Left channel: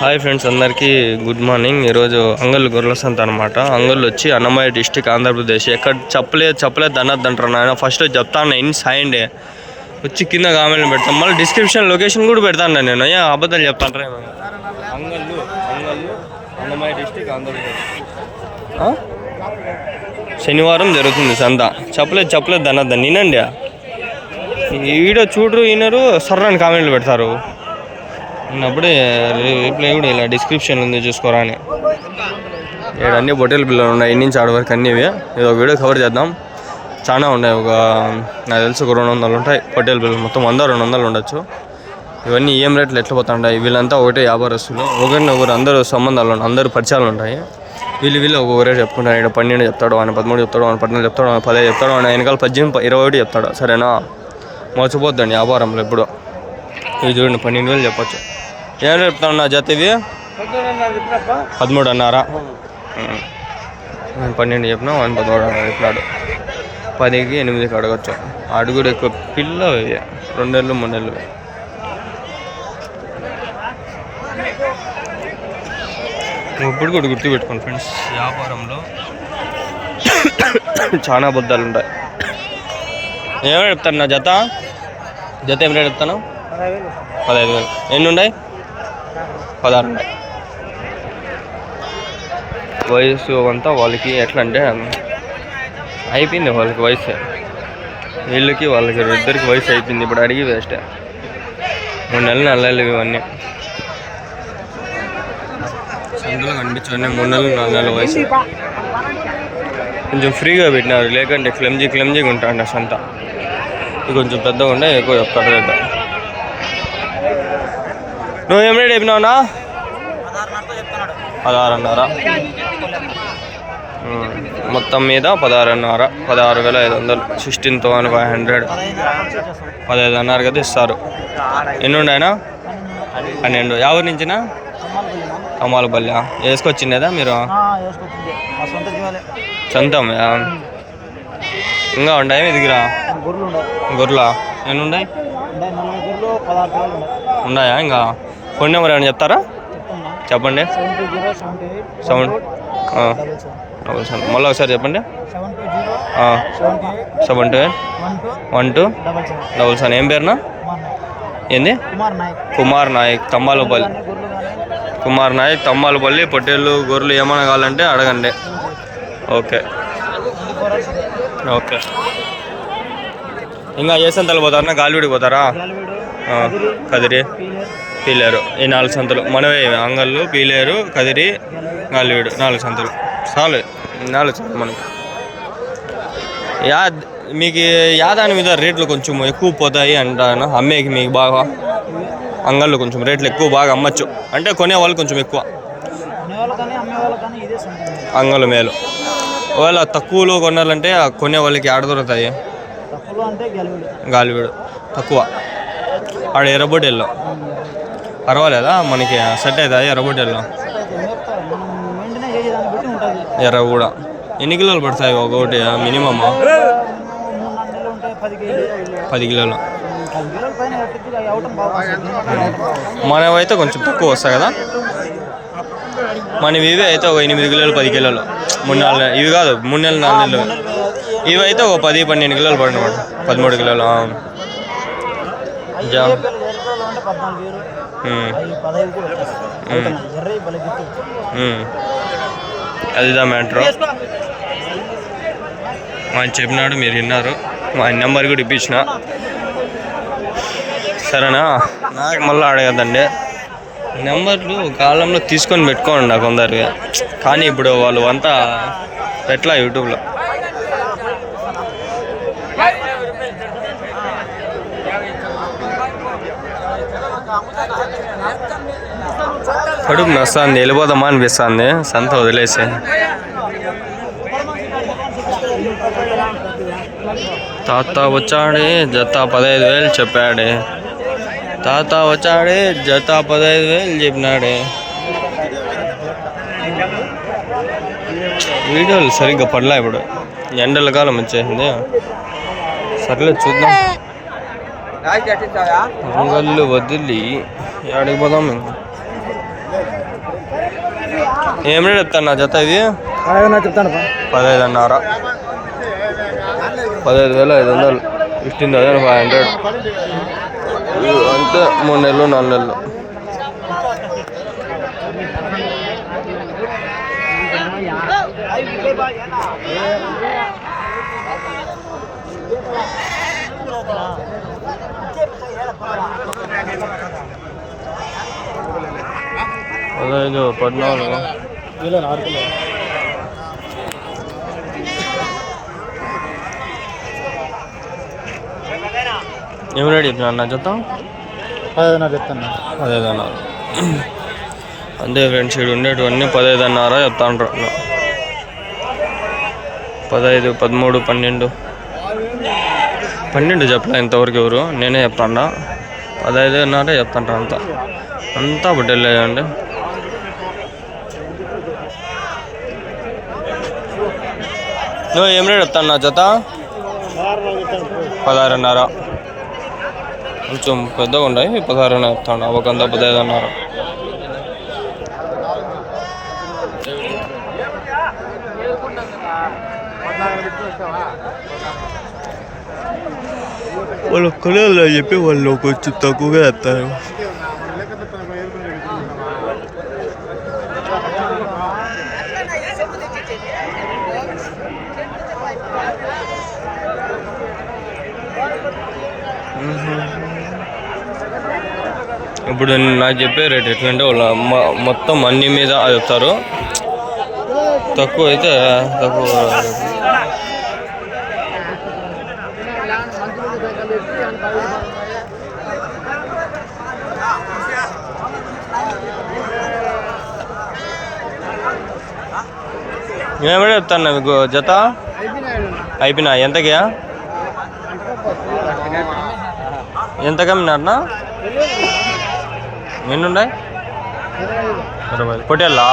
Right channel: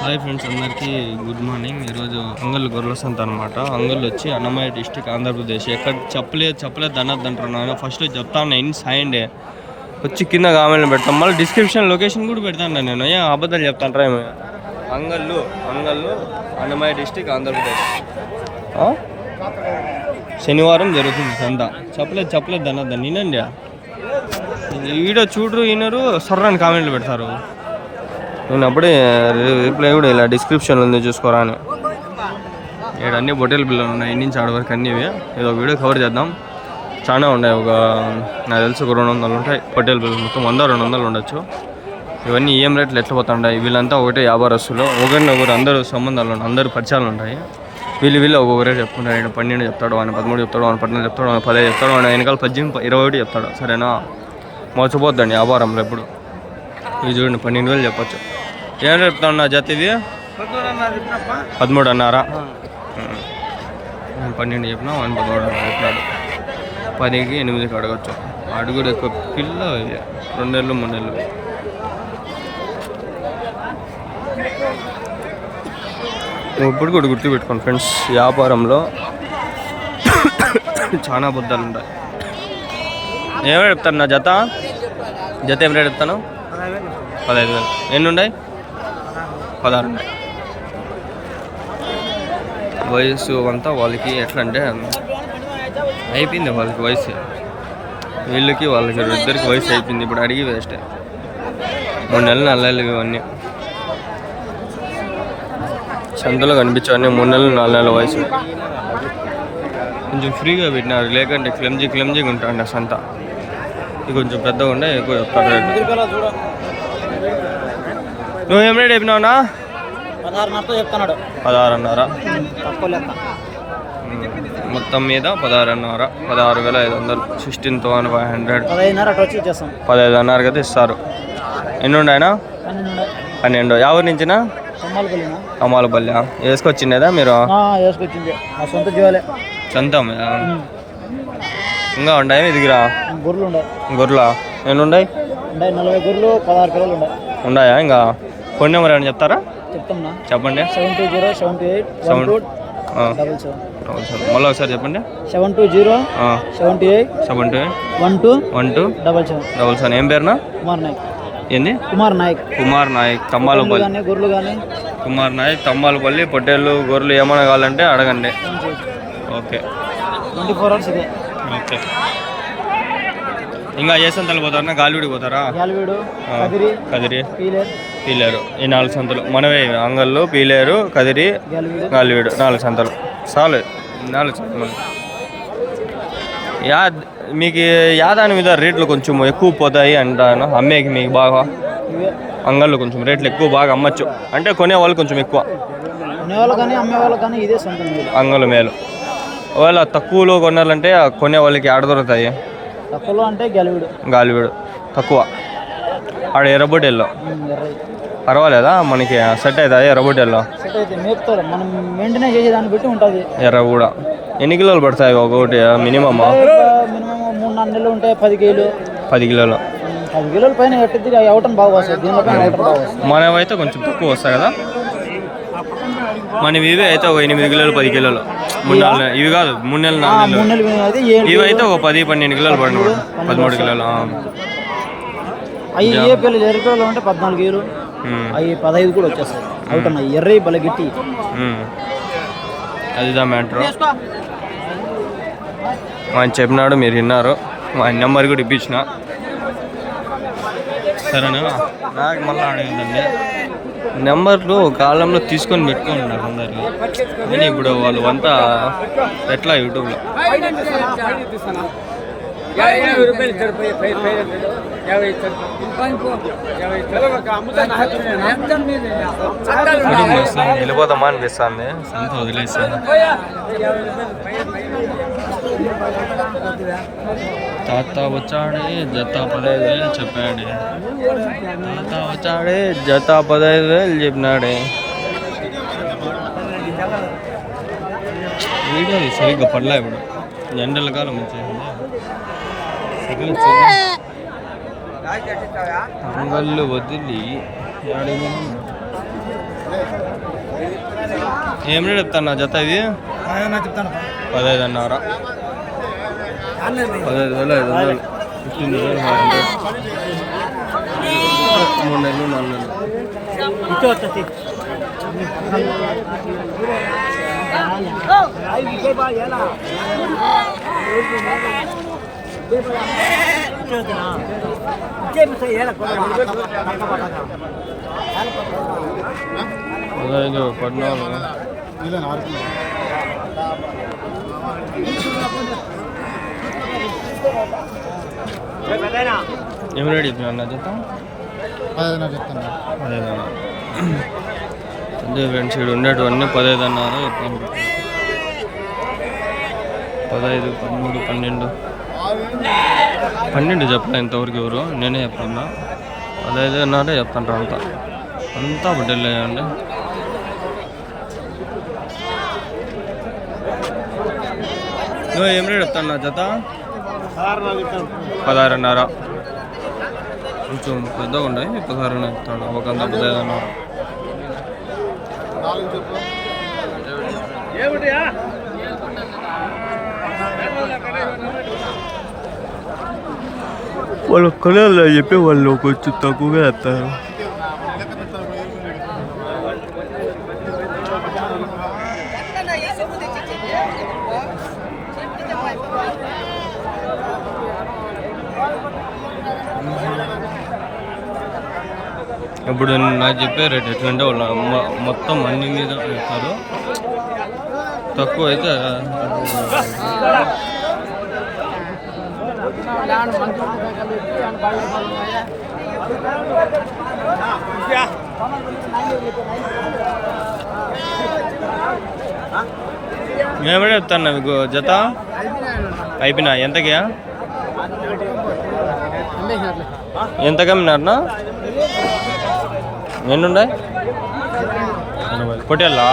Hi friends, అందరికీ good morning. ఈరోజు అంగళ్ళు గొర్రెల సంత అనమాట. అంగళ్ళు వచ్చి అన్నమయ్య డిస్టిక్, ఆంధ్రప్రదేశ్. ఎక్కడ చెప్పలేదు అనొద్దంటారు నాయన. ఫస్ట్ చెప్తాను ఇన్ సాయండే వచ్చి కింద కామెంట్లు పెడతాం, మళ్ళీ డిస్క్రిప్షన్ లొకేషన్ కూడా పెడతాను నేను. అబద్ధాలు చెప్తాంటారా ఏమి? అంగళ్ళు అన్నమయ్య డిస్టిక్, ఆంధ్రప్రదేశ్. శనివారం జరుగుతుంది సంత. చెప్పలేదు అనొద్దాన్ని. వినండి, ఈ వీడియో చూడరు వినరు, సర్రని కామెంట్లు పెడతారు. నేను అప్పుడే రిప్లై కూడా ఇలా డిస్క్రిప్షన్లో ఉంది, చూసుకోరా అని. ఇక్కడ అన్ని బొట్టెల పిల్లలు ఉన్నాయి, నుంచి ఆడ వరకు అన్నీ. ఇది ఒక వీడియో కవర్ చేద్దాం. చాలా ఉన్నాయి, నాకు తెలిసి ఒక 200 ఉంటాయి పొట్టేల పిల్లలు. మొత్తం 100-200 ఉండొచ్చు. ఇవన్నీ ఏం రేట్లు ఎట్లా పోతుంటాయి. వీళ్ళంతా ఒకటే వ్యాపారస్తులు, ఒకరినొకరు అందరూ సంబంధాలు ఉన్నాయి, అందరూ పరిచయాలు ఉంటాయి. వీళ్ళు ఒక్కొక్క రేటు చెప్పుకుంటారు. ఇక్కడ 12 చెప్తాడు, ఆయన 13 చెప్తాడు, ఆయన 14 చెప్తాడు, ఆయన 15 చెప్తాడు, ఆయన వెనకాల 18, 21 చెప్తాడు. సరేనా? మోసపోద్దండి వ్యాపారంలో ఎప్పుడు. ఇది చూడండి, 12,000 చెప్పచ్చు. ఏం చెప్తాను నా జత? ఇది 13 అన్నారా? నేను 12 చెప్పినా, ఆయన 13 చెప్పినాడు. 10కి 8కి అడగచ్చు. అడుగుడు ఎక్కువ. పిల్ల 2 నెలలు 3 నెలలు. ఇప్పుడు కూడా గుర్తుపెట్టుకోండి ఫ్రెండ్స్, వ్యాపారంలో చాలా అబద్ధాలు ఉంటాయి. ఏమైనా చెప్తాను నా జత ఏం రేట్ చెప్తాను? 15,000. ఎన్ని ఉన్నాయి? 16 ఉన్నాయి. వయసు అంతా వాళ్ళకి ఎట్లా అంటే అయిపోయింది, వాళ్ళకి వయసు. వీళ్ళకి వాళ్ళకి ఇద్దరికి వయసు అయిపోయింది. ఇప్పుడు అడిగి వేస్టే. 3 నెలలు 4 నెలలు ఇవన్నీ సంతలో కనిపించవన్నీ. 3 నెలలు 4 నెలల వయసు. కొంచెం ఫ్రీగా పెట్టినారు, లేకంటే క్లమ్జీగా ఉంటాడు సంత. ఇది కొంచెం పెద్దగా ఉండే, ఎక్కువ చెప్తారు రేటు. నువ్వు ఏం రేట్ చెప్పినావునా? 16.5. మొత్తం మీద 16.5. 16,500. 16,500. 15.5 కదా ఇస్తారు. ఎన్ని ఉన్నాయనా? 12. ఎవరి నుంచినా? అమ్మాలపల్లి. వేసుకొచ్చిండేదా మీరు? సొంతం. ఇంకా ఉంటాయి మీ దగ్గర గొర్రెలా? ఎన్ని ఉన్నాయి? 40 గొర్రెలు, 16 పిల్లలు ఉన్నాయా? ఇంకా ఫోన్ నెంబర్ ఏమైనా చెప్తారా? చెప్పండి. 72078 మళ్ళీ ఒకసారి చెప్పండి. 7207812 ఏం పేరునా? ఏంది? కుమార్ నాయక్, తమ్మాలపల్లి. కుమార్ నాయక్, తమ్మాలపల్లి. పొట్టేళ్ళు గొర్రెలు ఏమైనా కావాలంటే అడగండి. ఓకే. ఇంకా ఏ సంతలు పోతారా? గాలివీడికి పోతారా? కదిరి, పీలేరు. ఈ 4 సంతలు మనవే. అంగళ్ళు, పీలేరు, కదిరి, గాలివీడు. 4 సంతలు చాలు. 4 సంతలు మనకి. మీకు యాదాని మీద రేట్లు కొంచెం ఎక్కువ పోతాయి అంటాను. అమ్మేకి మీకు బాగా అంగళ్ళు కొంచెం రేట్లు ఎక్కువ, బాగా అమ్మచ్చు. అంటే కొనేవాళ్ళు కొంచెం ఎక్కువ. అంగళ్ళు మేలు. ఒకవేళ తక్కువలో కొనాలంటే కొనే వాళ్ళకి ఆడ దొరుకుతాయి. గాలివీడు తక్కువ. ఆడ ఎర్రబొట్టెల్లో పర్వాలేదా? మనకి సెట్ అవుతాయి ఎర్రబొట్టెల్లో. ఎర్ర కూడా. ఎన్ని కిలోలు పడతాయి ఒకటి మినిమమ్? 3-4 నెలలు ఉంటాయి. 10 కిలోలు. 10 కిలోల పైన మనవైతే కొంచెం తక్కువ వస్తాయి కదా. మనవి ఇవి అయితే ఒక 8 కిలోలు 10 కిలోలు. 3-4 నెలలు ఇవి కాదు, 3 నెలలు 4 నెలలు. ఇవి అయితే ఒక 10-12 కిలోలు పడిన 13 కిలోలు. అదిదా మ్యాటర్. ఆయన చెప్పినాడు, మీరు విన్నారు. ఆయన నెంబర్ కూడా ఇప్పించిన. సరేనా? నాకు మళ్ళీ అడగద్దండి. నెంబర్లు కాలంలో తీసుకొని పెట్టుకోండి నాకు కొందరికి. కానీ ఇప్పుడు వాళ్ళు అంతా ఎట్లా యూట్యూబ్లో కడుపు నొస్తుంది, వెళ్ళిపోదామా అనిపిస్తుంది సంత వదిలేసి. తాత వచ్చాడే జత 15,000 చెప్పాడే. తాత వచ్చాడే జత 15,000 చెప్పినాడే. వీడియోలు సరిగ్గా పడలే. ఇప్పుడు ఎండల కాలం వచ్చేసింది. సర్లే చూద్దాం. అంగళ్ళు వదిలి ఆడికి పోదాం. ఏం రేట్ చెప్తాను జత ఇది? 15,500. 15,500. 15,500 అంటే 3 నెలలు 4 నెలలు. పదహైదు 14 ఏం రేట్ చెప్పినా అన్న జత? 15,500 చెప్తాను. 15,500. అంతే ఫ్రెండ్స్, ఇక్కడ ఉండేటివన్నీ 15,500 చెప్తాండ్రు. 15, 13, 12 చెప్పలే ఇంతవరకు ఎవరు, నేనే చెప్తాను. 15,500 చెప్తాండ్రు అంతా బుడ్డలేదండి. నువ్వు ఏం రేట్ చెప్తాను నా జత? 16,500. కొంచెం పెద్దగా ఉన్నాయి, 16 చెప్తాను. అవకంతా 15,500. వాళ్ళు కొనాలి చెప్పి వాళ్ళు కొంచెం తక్కువగా వేస్తారు. ఇప్పుడు నాకు చెప్పే రేట్ ఎట్లంటే వాళ్ళు మొత్తం అన్ని మీద చెప్తారు. తక్కువ అయితే తక్కువ. మేమే చెప్తాను మీకు జత అయిపోయినా ఎంతకి? ఎంత కమ్మినారనా? ఎన్నుండే? 20 పొట్టేళ్ళా?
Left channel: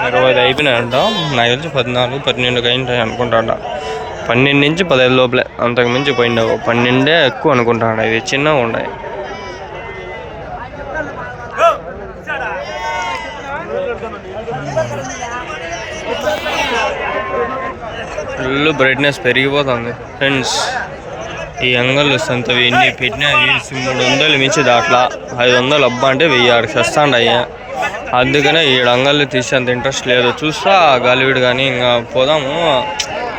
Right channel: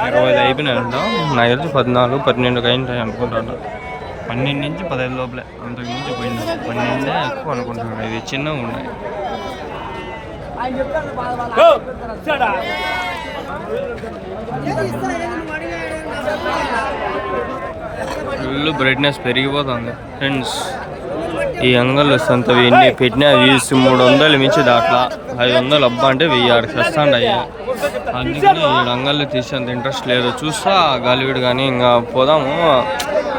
20 అయిపోయినాయంట. నాకు తెలిసి 14, 12 అయింటాయి అనుకుంటాడ. 12 నుంచి 15 లోపలే, అంతకు మించి పోయిండవు. 12 ఎక్కువ అనుకుంటాడు. ఇవి చిన్నగా ఉన్నాయి. ఫుల్ బ్రైట్నెస్ పెరిగిపోతుంది ఫ్రెండ్స్. ఈ అంగళ్ళు సంతవి ఇన్ని పెట్టినా 300 మించి దాట్లా. 500 అబ్బా అంటే 1000 చేస్తాండయ్యా. అందుకనే ఈ అంగళ్ళు తీసేంత ఇంట్రెస్ట్ లేదు. చూస్తా గాలివీడు కానీ ఇంకా పోదాము.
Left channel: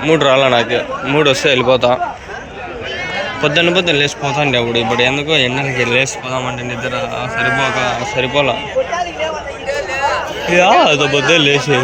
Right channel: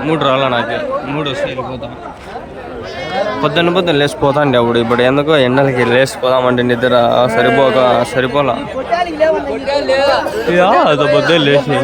3 రాలా నాకు. 3 వస్తే వెళ్ళిపోతా. పొద్దున్న లేచిపోతాండి అప్పుడు. ఇప్పుడు ఎందుకో ఎండలకి లేచిపోదామంటే నిద్ర సరిపోలా. అదో పొద్దు లేచి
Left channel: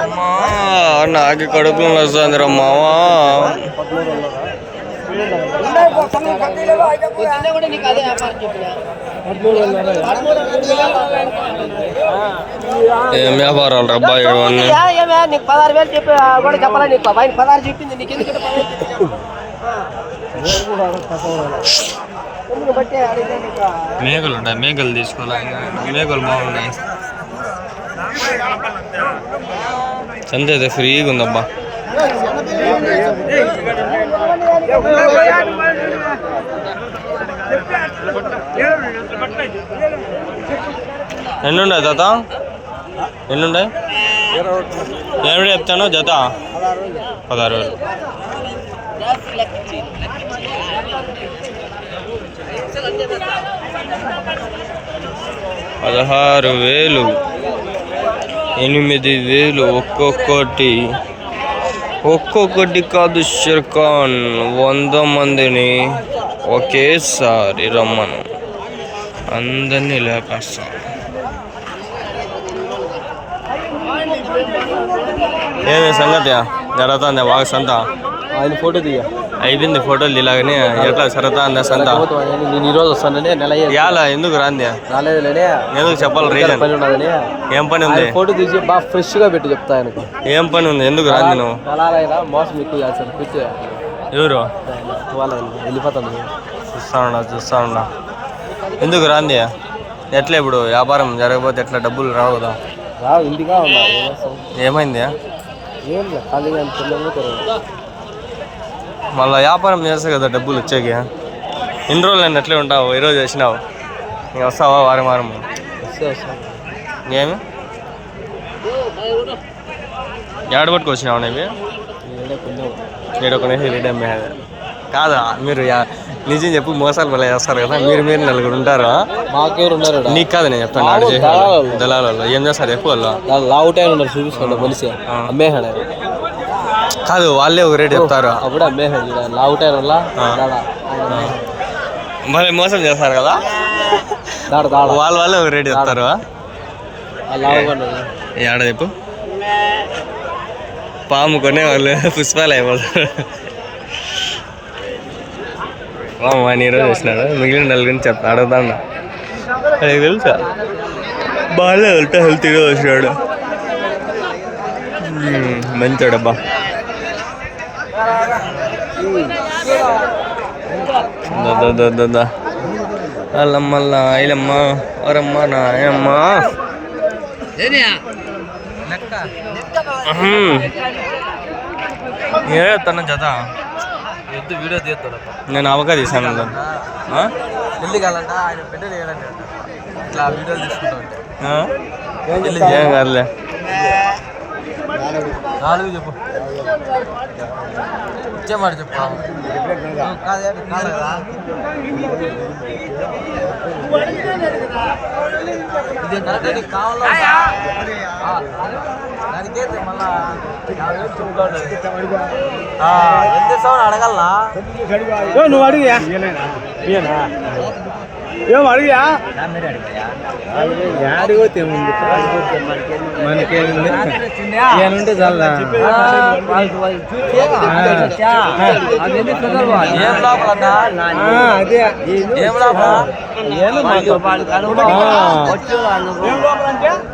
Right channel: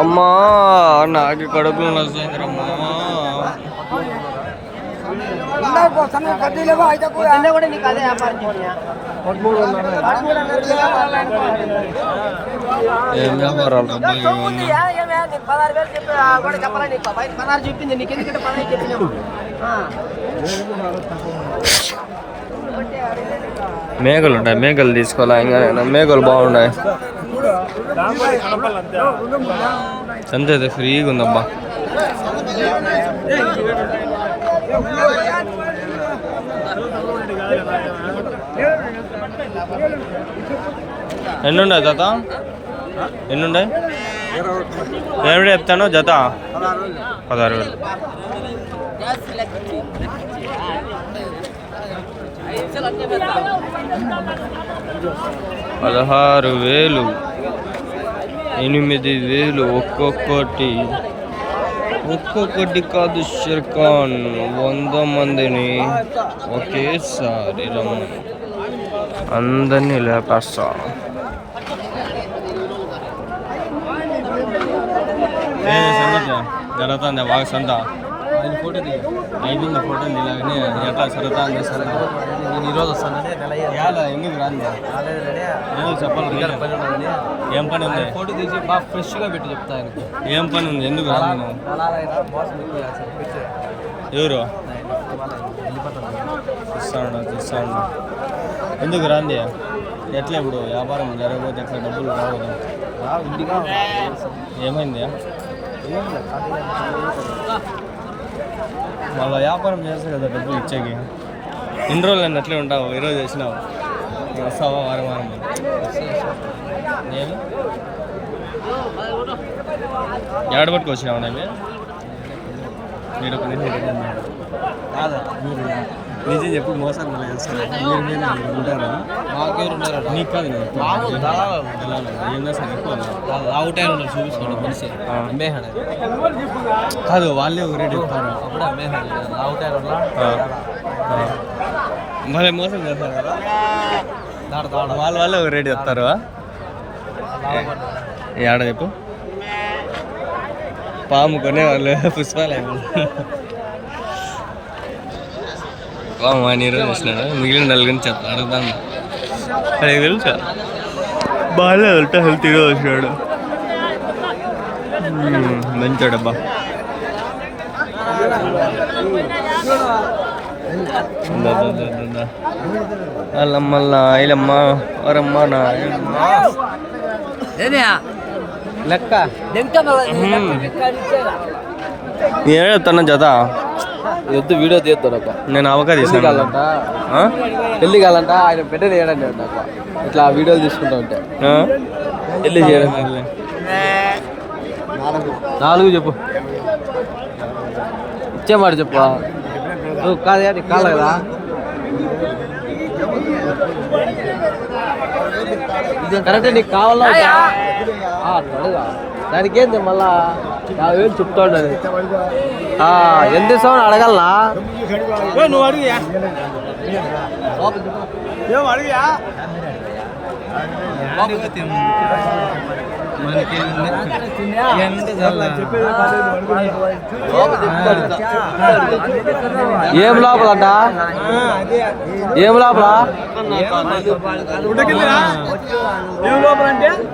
అమ్మా నాకు కడుపులో వస్తుంది రమ్మావా. ఏం వ్యాపారాలు రబ్బా ఇవన్నీ? మేకలు ఉంటాయి, మేకలు తీసుకోవాలా? ఇంకా మేకలు బాగున్నాయి. సంత అయితే ఫ్రీగా ఉందబ్బా. ఎన్నుండే జత? ఎన్నుండే? ఏమిటి చెప్తాను జత? 16,000. 16,000, 8,000 ఒక్కొక్కటి కాదు షిర్ఖాన్. 100 మందిని ఒకేసారి రమ్మను, అందరినీ లేపేస్తా. ఏమి సంగతి జరుగుతుందా బాగా సంత ఆయన ఫోటో దిగా అయిపోయింది ఫోటోలు ఇలాగని ఎట్లా సరదా సంత నేను ఈరోజు వస్తానండి నెల ఇవాళ ఎందుకు రాంది రాలేదులేనే ఎందుకు చెప్పాలి రీజన్ పని ఉన్నదని ఏం పని ఉంది ఫోటో తీసి బాగా ఫ్రెష్గా పెట్టి చెప్తా ఆయనకు ఏం పని ఉంది ఎందుకు రాంది నువ్వు ఎలాగైనా మోసం ఎక్కువ చేస్తారు కూర్చో ఎవరు వెళ్ళిపోతాను చూస్తా ఉన్నా ఎందుకు రాంది ఎట్లా ఇప్పుడు వ్యాపారం జరగకపోతే ఎట్లా డబ్బులు రావు కదా ఇంటిగా ఏమైంది ఏం లేదు ఖాళీగా మళ్ళీ వ్యాపారం చేస్తే కదా డబ్బులు వచ్చాక ఎన్ని రోజులు అయినా ఎట్లే ఉంటావు ఈరోజు వచ్చినావు నేను వస్తావా వారం వారం ఏమి ఏడబట్టుకు వచ్చినావు నేవి నేను ఒక రెడీ అమ్మేది కాదా మీరు నిజం చెప్పు మోసాలు మళ్ళీ చేస్తారు కదా మీరు నలుగురు ఉంటారు మాకెవరు ఉన్నారు నీకు కాదు నేను చెప్తాను ఆడ చేసే దళాలలో ఏం చేస్తారు ఎక్కువ వాళ్ళు లావుటాయి ఉన్నారు చూసుకోండి మనిషి అమ్మేహాడు కాదు వాళ్ళే ఒక రేటు చెప్తారు అప్పుడు అమ్మేహాడు లావుటాయి వల్ల మళ్ళీ మోసం చేస్తారు కదా వాళ్ళే ఒక రేటు చెప్తారు ఏడ చెప్పు పాము కొనే వాళ్ళు పుష్పాలు అయిపోతారు పాము అని ఈరోజు వచ్చినాడు మిగిలిన నలుగురిని చెప్తా అడుగుతాడు అది తెలుసా బాగాలేదు హెల్తీగా వచ్చినాడు మంచోడబ్బా అల్లమ్మల్లా ఐలమ్మ వరమ్మ నాయమ్మ నేనే చెప్తాను జత ఎద్దు వీడియో తీస్తాడు నేను అవకా తీసాను పెళ్ళి కావాలంట ఆయన పెట్టేది ఏడండి అంట ఇట్లా వీడియోలు తీసుకుంటా ఉంటే పెళ్ళి చేయం కాదులే 4 చెప్పు ఇచ్చేమాట చెప్పు కాదా నీకు కాదా ఇది కరెక్ట్ నీకు కావాలా దానికి ఏంది మళ్ళా 50,000 చెప్తాడు ఎంత ఇస్తావు అడగల్లా నువ్వు అడిగా ఏం అడిగా మనకేముంది చాలా ఏం లాభం ఏం లాభం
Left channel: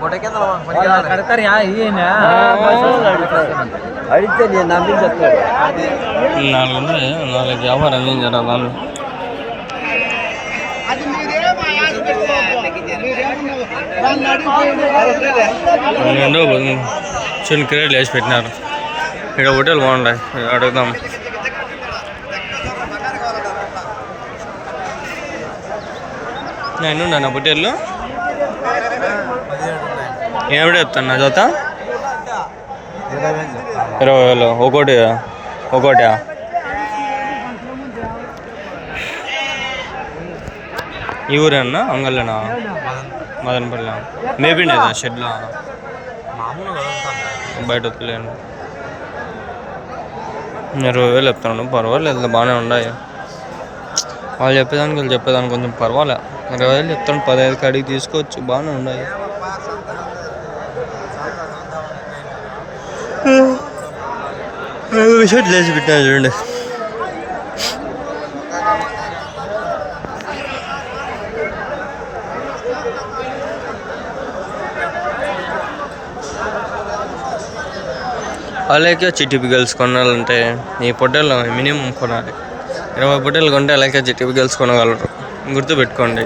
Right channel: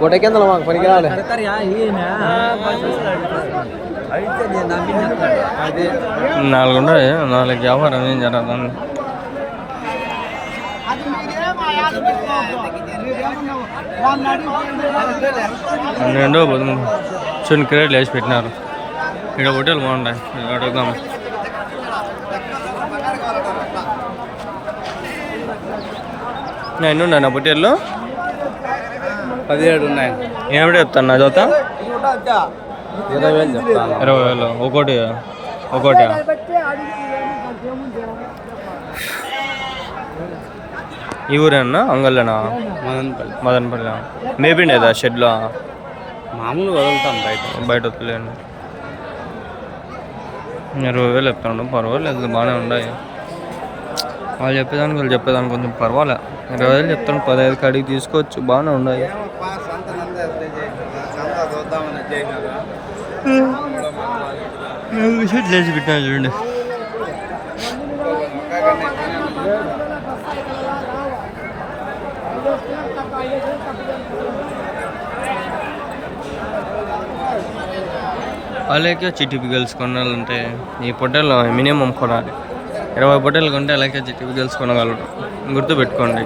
గుట్ట కింద పనికిరాలి అడిగితే నేను నమ్మి చెప్తాడు 4 ఉన్నాయి 4 వ్యాపారం ఏం జరగదాన్ని పన్నెండో చిన్న క్రేట్లు వేసి పెట్టినారు ఇక్కడ హోటల్ బాగుంటాయి అడుగుదాం నేను నా హోటల్లో 17 ఉన్నాయి ఏమిటి చెప్తాను నా జత 20,000 చెప్తాను 20,000 ఒకటి ఈ ఊరేనా అంగళ్ళనా మదనపల్లి మేబీ లేదా షెడ్లో మామూలుగా వదులుతాం బయట వద్దులేను 20,000 చెప్తాను పర్వాలేదు బాగానే ఉన్నాయి వాళ్ళు చెప్పేదానికి వీళ్ళు చెప్పేదానికి కొంచెం పర్వాలే 20,000 చెప్తాను 15 కాడికి తీసుకోవచ్చు బాగానే ఉన్నాయి షెడ్ లేచి పెట్టినా చూడండి అలాగే చిటిపి గర్ల్స్ కొనాలంటే ఈ పొట్టేలు మినిమం కొనాలి 20 పొట్టేలు కొంటే అలాగే చిటిపి గర్ల్స్ కొనగలరు గుర్తుపెట్టుకోండి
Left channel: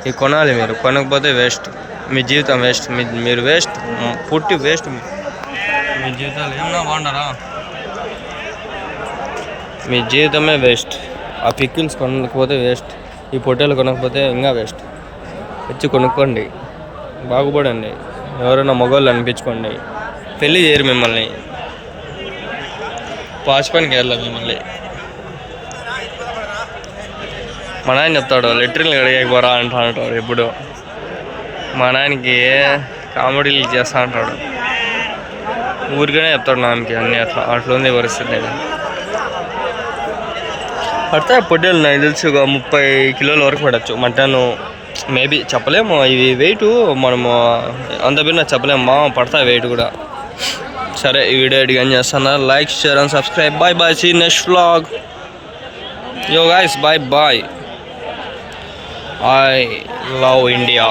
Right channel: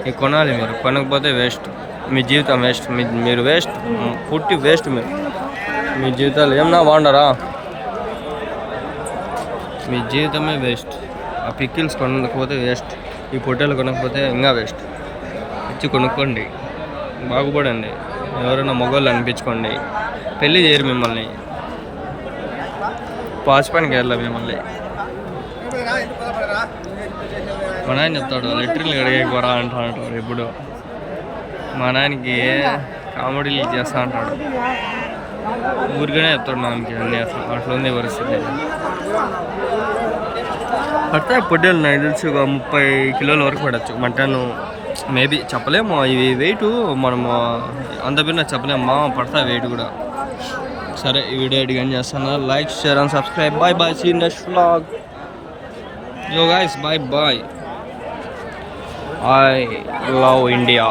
ఇవి కొనాలి మీరు కొనకపోతే వేస్ట్ మీ జీవితం వేస్ట్ మీరు వేస్ట్ పుట్టి వేస్ట్ మీ జీవితాలు ఏమన్నా బాగుండరా మీ జీవితమే వేస్ట్ ఆ పిక్కిల్స్ కొనకపోతే వేస్ట్ ఈ పొట్టేలు కొనకపోతే ఇంకా వేస్ట్ వచ్చి కొనుక్కోండి బాగుపడండి ఎవరైనా మగవాళ్ళు అనిపించుకోండి పెళ్ళి చేయరు మిమ్మల్ని పాచి పనికి వెళ్ళాలి మిమ్మల్ని మా నాయన చెప్తాడు లెటర్లు కడిగేకపోరా అంటాడు ఎప్పుడు మా నాయనకి కామెడీలు చేస్తా అంటాడు ఊరికనే చెప్తాడు నాన్నకి అన్నీ అట్లా ఉంది పరిస్థితి పడతాయి పొట్టేలు నాకు తెలిసి ఒక 30 కిలోల వరకు పడవచ్చు మటన్ మేబీ చెప్పలేము ఇవి వెయిట్ మనము అంత బిన్న చెప్పలేము పడతాయి వెయిట్ కూడా సరే ఈ వీడియో ఎడిట్ చేస్తాను. Like, share and subscribe. Bye bye, see next vlog. Yo guys, bye bye. I love India.